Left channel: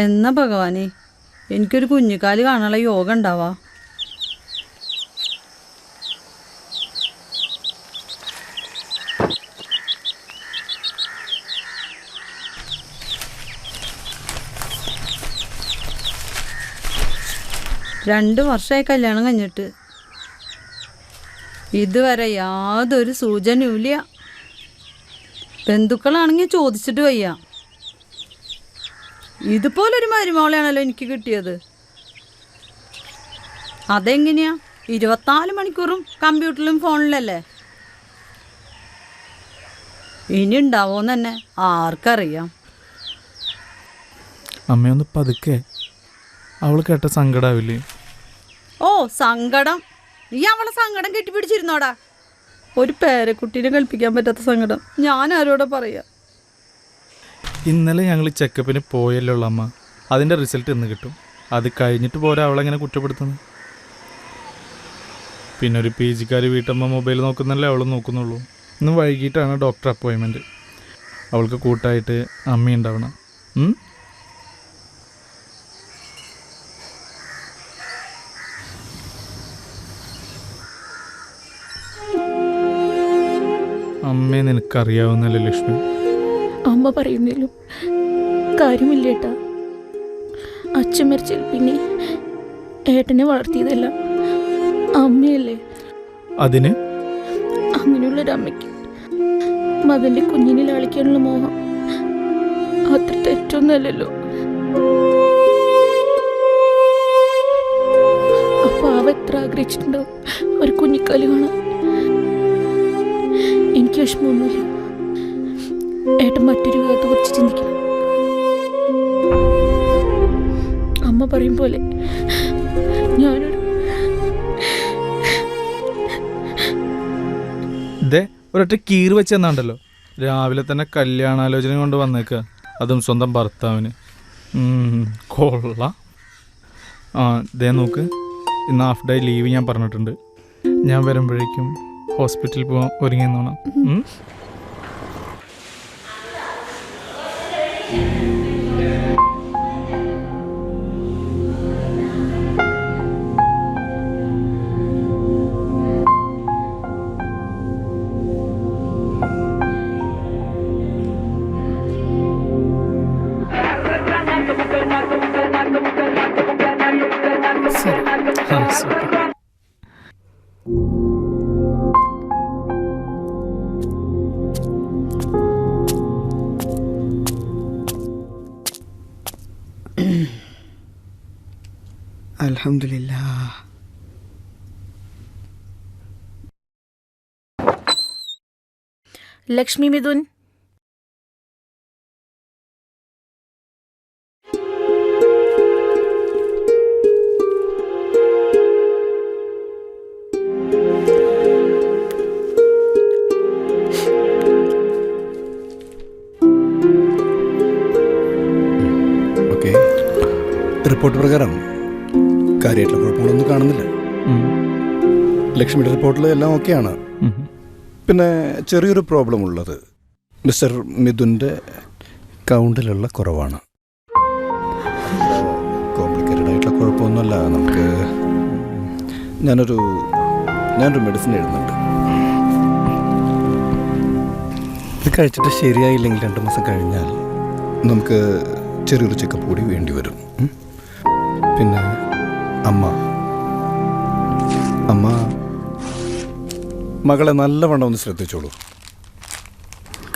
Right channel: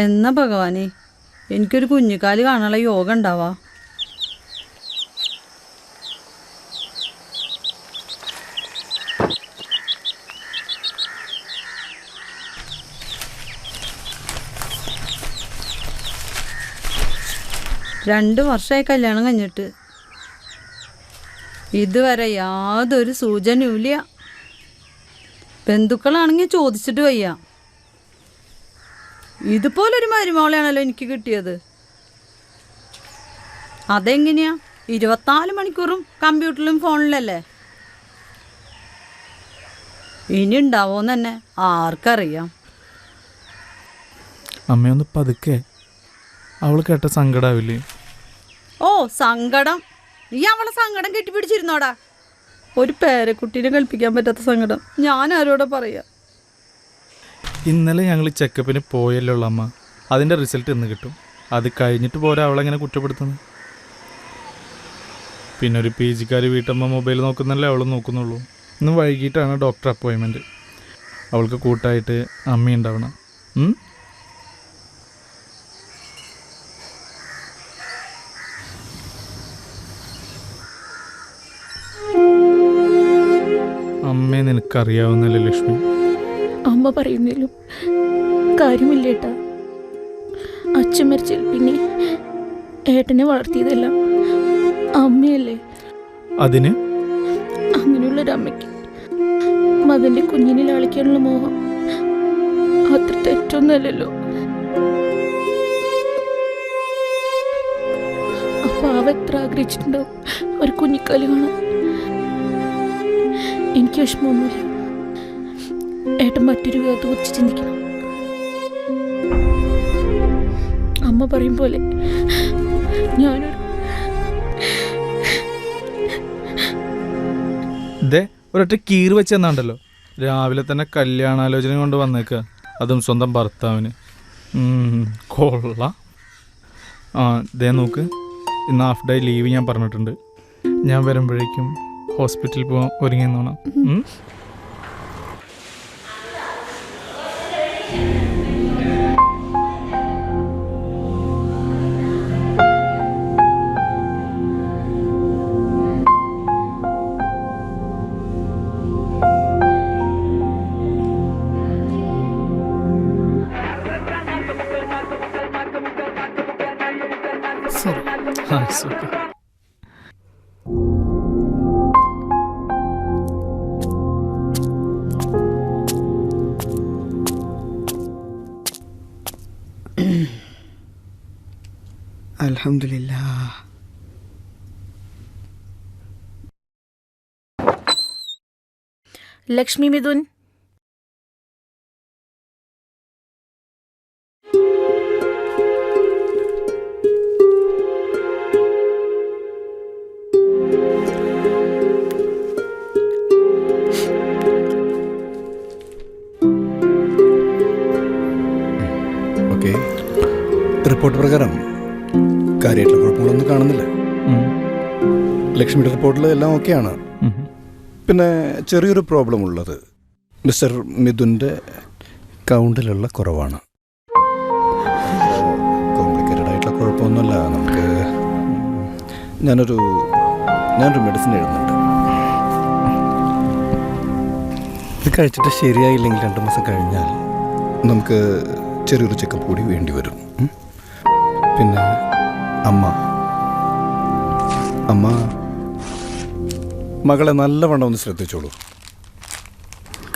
എന്നാ ഭഗവാനെ? എനിക്കൊരു കുഞ്ഞിക്കാൽ കാണാനുള്ള യോഗ ഉണ്ടാവാ. രണ്ട് വർഷമായി കല്യാണം കഴിഞ്ഞിട്ട്. ഇതുവരെ യാതൊരു സൂചനയും ഇല്ല ബന്ധുക്കളാണെങ്കിൽ ചോദിച്ചിട്ട് വയ്യ. ഇതുപോലൊരു മരുമോളെയാണല്ലോ എനിക്ക് കിട്ടിയത്. അതെങ്ങനെയാ? ഇരുപത്തിനാല് മണിക്കൂറും കമ്പ്യൂട്ടറിലും ഫോണിലല്ലേ? ഇനി ഉണ്ടാവോന്ന് തന്നെ ആർക്കറിയാം. അമ്മയൊന്ന് പതുക്കെ. അവൾ കേട്ട സങ്കടാവില്ലേ? ഓ സങ്കടം. നീ അവളെ സങ്കടം കെട്ടിപ്പിടിച്ചിരുന്നോടാ. ഒരു പേരക്കുട്ടീനെ കൽപ്പിക്കാൻ പറ്റാത്ത സങ്കടം. ഞാൻ ആരോടെ പറയാ? ഇന്നലെ ഞങ്ങൾ ചെക്കപ്പിന് പോയല്ലോ അമ്മ അതിന്റെ റിസൾട്ട് ഇന്ന് കിട്ടും. അത് കഴിഞ്ഞിട്ട് പോരാ അവളെങ്ങനെ കുറ്റപ്പെടുത്തുന്നത്? പിന്നെ ഒരു പി ജിക്കാർ വീട്ടമ്മ മൊബൈൽ നോക്കുന്നല്ലേ അവൾ നോക്കുന്നുള്ളൂ. ഇന്ന് വൈകിട്ടാണ് ഡോക്ടർ അപ്പോയിൻമെന്റ് അവൾക്ക് കൂട്ടായിട്ട് അമ്മ ഉണ്ടാവണം. ഉം? അമ്മയെ നിനക്കറിയാവുന്നല്ലേ ലക്ഷ്മി? അമ്മ പറയുന്നതിലും കാര്യമില്ല ഏട്ടാ. അച്ഛൻ മരിച്ചിൽ പിന്നെ ഏട്ടനെ വളർത്തിയതല്ല അമ്മയല്ലേ? അതിന്? അങ്ങനെയുള്ളൊരു അമ്മയ്ക്ക് മകന്റെ കുഞ്ഞിനെ ലാളിക്കാനുള്ള മോഹം അത്ര തെറ്റൊന്നുമല്ലല്ലോ. അപ്പൊ അവ എത്ര ആഗ്രഹിച്ചിട്ടുണ്ടാവും? ഒരു കുഞ്ഞിക്കാലി കാണാൻ. എനിക്ക് വിഷമമൊന്നുമില്ല. ഏട്ടൻ മറ്റൊരു വിധത്തെ കുറിച്ച് ചിന്തിക്കണം. അമ്മ പറയും പോലെ ഞാനൊരു ഒരൊറ്റ കീറ് വെച്ചെന്നാണ്ടല്ലോ. രാവിലെ തന്നെ കല്യാണാലോചന കൊണ്ട് വന്നേക്കുക അതും സ്വന്തം ഭർത്താവിന്. കൊള്ള. ആ ദേ നോക്ക്. ഇന്ന് ഹാഫ് ഡേ ലീവ് ഞാൻ പറഞ്ഞിട്ടുണ്ട്. ഞാൻ വരുമ്പോഴേക്കും ഹോസ്പിറ്റലിൽ പോകാൻ ഒരുങ്ങി നോണം الحمد لله لكشمي مدن റിപ്പോർട്ട് പ്രകാരം കാര്യമായിട്ടുള്ള കുഴപ്പങ്ങളൊന്നും കാണുന്നില്ല. ലക്ഷ്മിയുടെ റിപ്പോർട്ടിൽ എല്ലാം ഓക്കെയാണ്. പിന്നെ ചെറിയൊരു പ്രോബ്ലം ഉള്ളത്. മിസ്റ്റർ മിഥുന്റെ കൗണ്ടിലുള്ള കുറവാണ്. കോംപ്ലിക്കേറ്റഡ് ആയിട്ടുള്ള കുഴപ്പമൊന്നുമല്ല. നമുക്ക് ഞാനൊരു ഞാനൊരു മെഡിസിൻ എഴുതുന്നുണ്ട്. ഇത് കഴിച്ചിട്ട് ശരിയായില്ലെങ്കിൽ രണ്ട് മാസം കഴിഞ്ഞാൽ നമുക്ക് ചെറിയൊരു ചെക്കപ്പ് കൂടി വേണ്ടി വരും. പിന്നെ അമ്മ. അമ്മ മകളെ നല്ലവണ്ണം ഒന്ന് ശ്രദ്ധിച്ചോളൂ.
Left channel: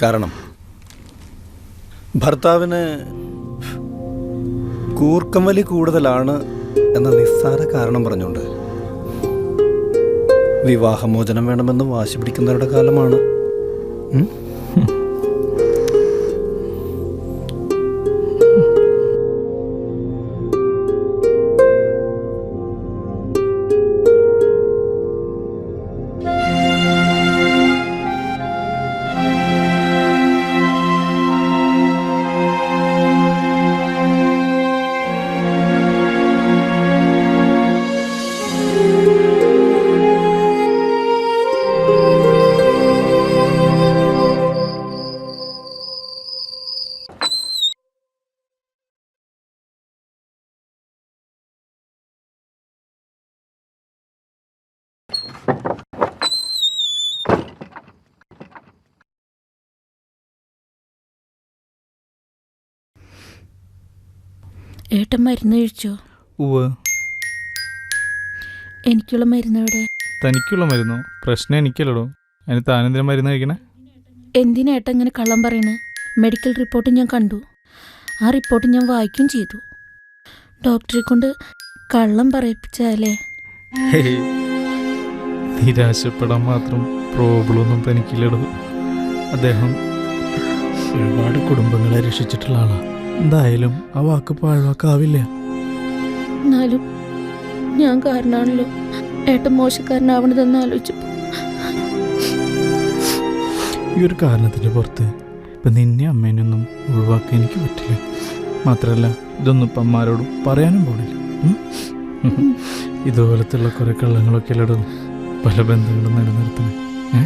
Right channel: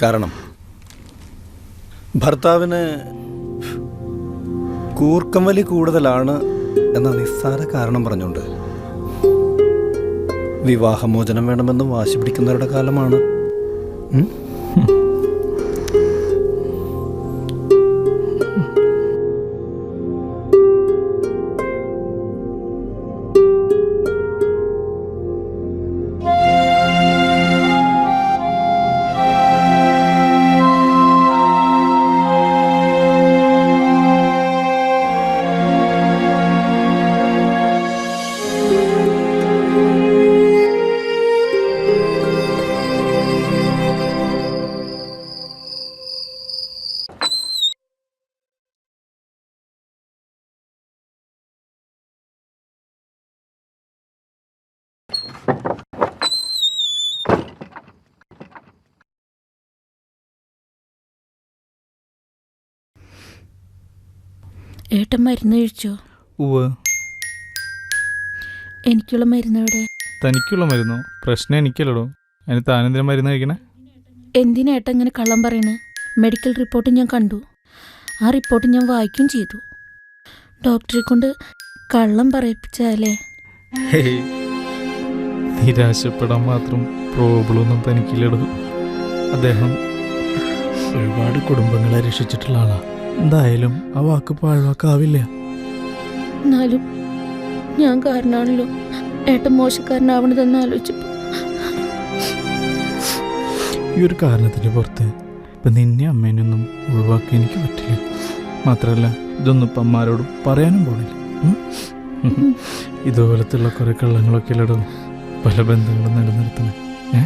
കാരണം ഭർത്താവിന് കൂർക്കം വലി കൂടുതലാണ് എന്ന നിസ്സാര കാരണം പറഞ്ഞുകൊണ്ട് വിവാഹമോചനം വേണമെന്ന് വാശി പിടിക്കുന്നവരുടെ കാലമാണ്. ഏട്ടൻ മരുന്ന് കഴിച്ചോ? ഉവ് എനിക്കുള്ള മരുന്ന് എവിടെ? തനിക്കുള്ള മരുന്നോ? പ്രശ്നം എനിക്കല്ലടോ. അതിന് താനെന്തിനാ മരുന്ന് കഴിക്കണേ? എന്തിനാ ഏട്ടൻ ഇങ്ങനെ കള്ളം പറയണേ? മെഡിക്കൽ റിപ്പോർട്ട് ഞാൻ കണ്ടു. ആ റിപ്പോർട്ട് ഞാൻ വായിക്കും ചെയ്തു. ഡോക്ടറെ കൊണ്ട് കള്ളം പറയിപ്പിച്ചാലേ? നിരാശപ്പെടാൻ മാത്രം പ്രോബ്ലം ഒന്നും തനിക്കില്ലടോ. അദ്ദേഹം ഒരുപാട് കുടുംബങ്ങളെ രക്ഷിച്ചിട്ടുള്ള ആളാ. എന്തായാലും ആ വാക്ക് പാഴ്വാക്കാവില്ല. എന്നാലും ഞാൻ കാരണമാണല്ലോ ഏട്ടൻ മോശക്കാരനാവണതെന്ന് ആലോചിച്ചപ്പോൾ ഈ ഒരു കാരണത്തിന്റെ പുറത്ത് ഇപ്പം നിന്നെ അമ്മേനൊന്നും ഒഴിവാക്കാൻ എനിക്ക് പറ്റില്ല. മാത്രമല്ല ഇതൊന്നും ഇപ്പം അമ്മാരോടും പറയാനും പോണില്ല? ഇതുപോലത്തുള്ള കുറെ കള്ളങ്ങളൊക്കെ ഇല്ലടും പല ബന്ധങ്ങളും നിലനിർത്തണേ ഏ?